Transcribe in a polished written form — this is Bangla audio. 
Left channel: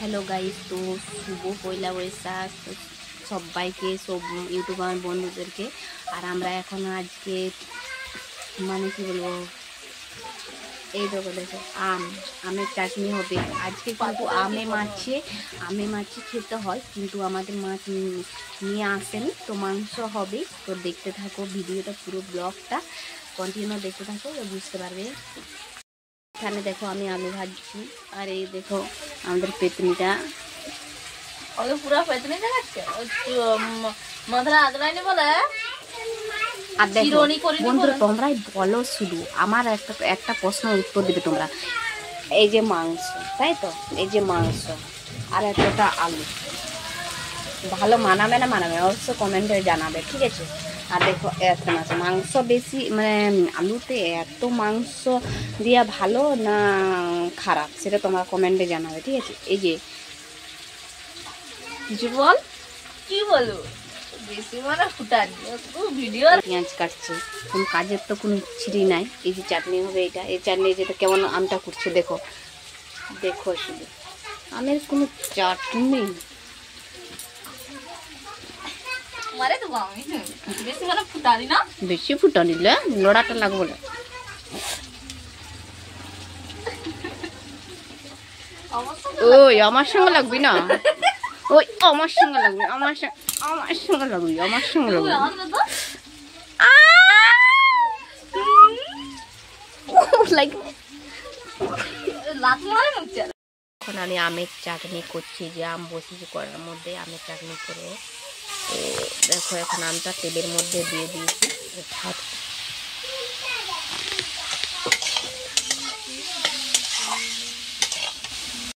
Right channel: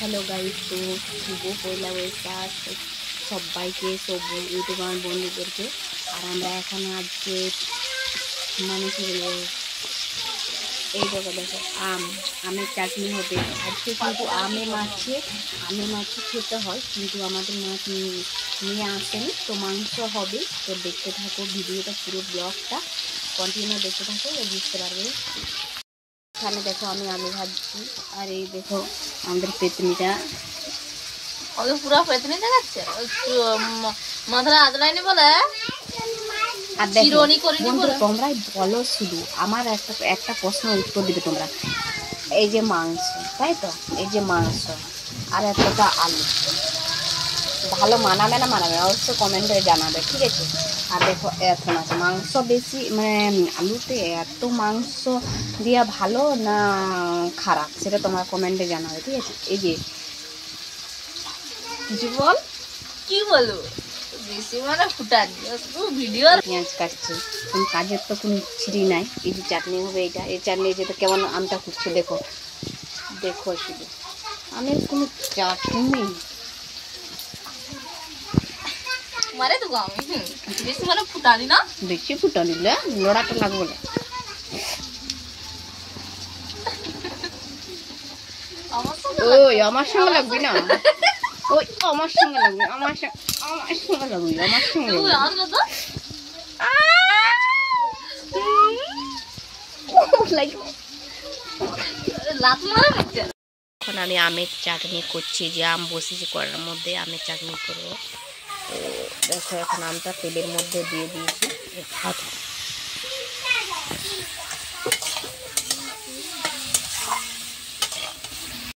হ্যালো গাইস, তো শুভ পয়লা বৈশাখ সবাইকে, সব ইউটিউবার বন্ধুদেরকে। আর আমরা এখন আজকে মানে কি বলবো, এই দেখো দেখো আমের চাটনি হবে আজকে। কিন্তু আমে মাছে খেতে হয়, কিন্তু আমাদের মাছ নিয়ে আসেনি, তো মাংস হবে। তো দেখতে থাকো ভিডিওটা, পুরো ব্লগটা কন্টিনিউ দেখতে থাকো, বুঝতে পারবে। এখানে দেখো আমি আলু ভাজছি, আর এই দেখো আমাদের পেতনিটা পুরো পেতনি দেখাচ্ছে মাথায় আদলাইনি বলে। আর দেখো বন্ধুরা, তোমরাই বলো, শুধু আমার একটা প্রশ্নের উত্তর দিবে তোমরা। এই যে মাংস, তাই তো, এই যে মাংস আর একটা আলু, ভালো মানাবে না মানাবে অবশ্যই কমেন্টে জানাবে, ঠিক আছে? আর দেখো এখন আছে মাংস বেশি, মানে আলুতে এত মাংস দিয়া ভালো না খারাপ, সেটা তোমরা কমেন্টে জানাবে, ঠিক আছে? এই যে কিছু বল, কি বলবো, বেশি মানে ফুটানি ভিডিও। পেঁয়াজ কাটছে, কোনো কাজের তো কোনো ছিঁড়ি নাই। এই যে চাটনি হবে, এটা এই চাটনি যেটা কেমন আমটা করছে, দেখো দেখো শুধু আমের কোনো চাটনি নেই। মারে তো আমি বেশি মানে ফুটানি না, বেশি ফুটা নিলে লড়াটা লাগবো না। ওই আমার সঙ্গে লাগবি না, ওই আমার সঙ্গে লাগবে, আমার সঙ্গে লাগবি, আমার সঙ্গে লাগবি। এখন আমি আমের চাটনি করছি, যে আম বসেছি কড়ার মধ্যে, আমের চাটনি করবো। তো দেখো এখন আমটা তেলের মধ্যে দিয়ে দিয়েছি, হাত